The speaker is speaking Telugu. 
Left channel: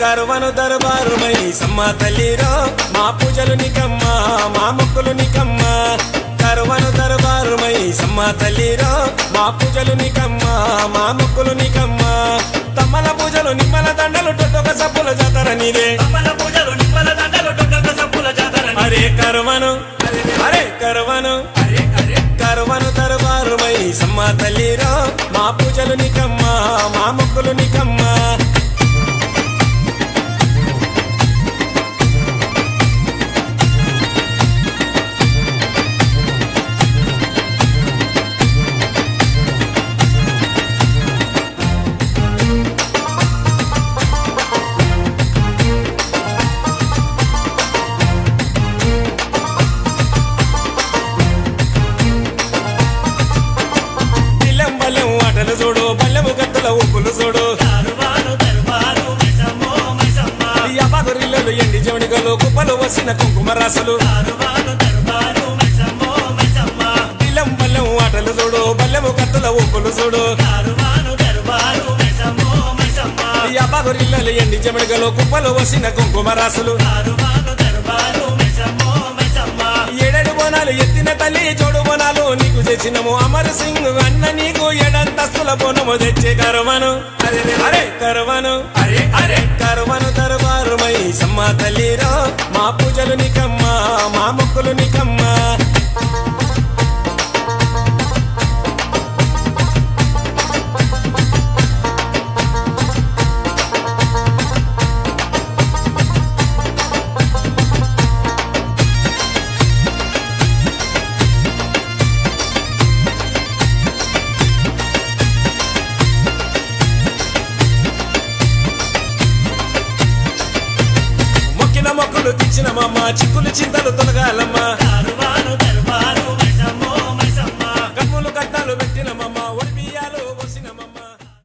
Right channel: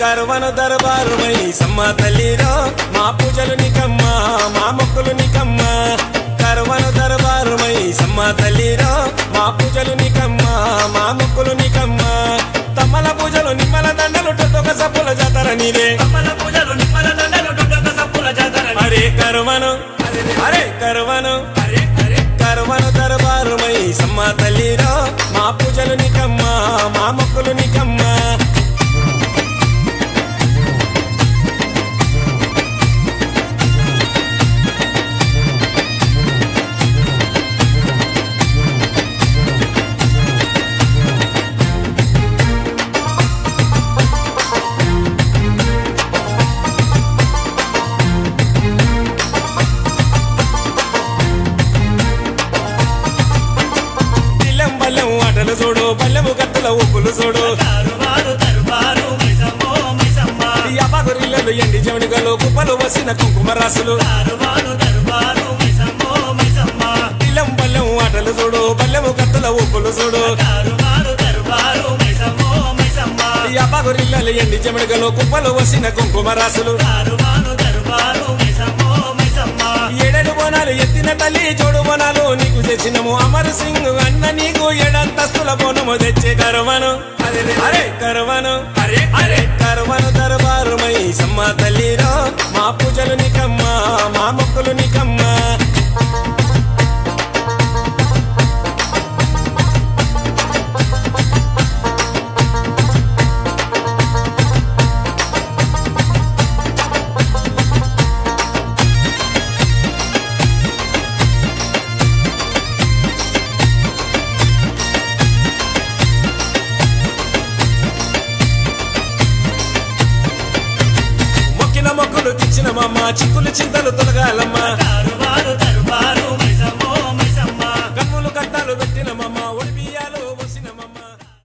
కరువను దర్బారు మైసమ్మ తల్లిరో మా పూజలు నీకమ్మా మా మొక్కులు నీకమ్మా కరువను దర్బారు మైసమ్మ తల్లిరో మా పూజలు నీకమ్మా మా మొక్కులు నీకమ్మా తమ్మల పూజలు నిమ్మల దండలు టొట్టొక సప్పుల జాతర నీదే అరే కరువను కరువను దర్బారు మైసమ్మ తల్లిరో మా పూజలు నీకమ్మా మా మొక్కులు నీకమ్మా బల్లెం ఆటలు చూడు బల్లెము కత్తుల ఉప్పులు చూడు యాపగురిల్లలు ఎండి జమడిగలు కుప్పలు వసిన కుంకుమ రాసులు ఇల్లం బల్లెం ఆటలు చూడు బల్లెము కత్తుల ఉప్పులు చూడు యాపగురిల్లలు ఎండి జమడిగలు కుప్పలు వసిన కుంకుమ రాసులు ఏడేడు బోనాలు ఎత్తిన తల్లి జోడు బోనాలు నీకు తెచ్చినము అమర్ సింగ్ అన్న నీకు ఏడంతస్తుల బోనము తెచ్చే కరువను కరువను దర్బారు మైసమ్మ తల్లిరో మా పూజలు నీకమ్మా మా మొక్కులు నీకమ్మా మొక్కులు తెచ్చినమమ్మ చిక్కులు చింతలు తొలగాలమ్మా కన్నులు కట్టాలు పెట్టినమమ్మ ఒడి బియ్యాలు వసినమమ్మ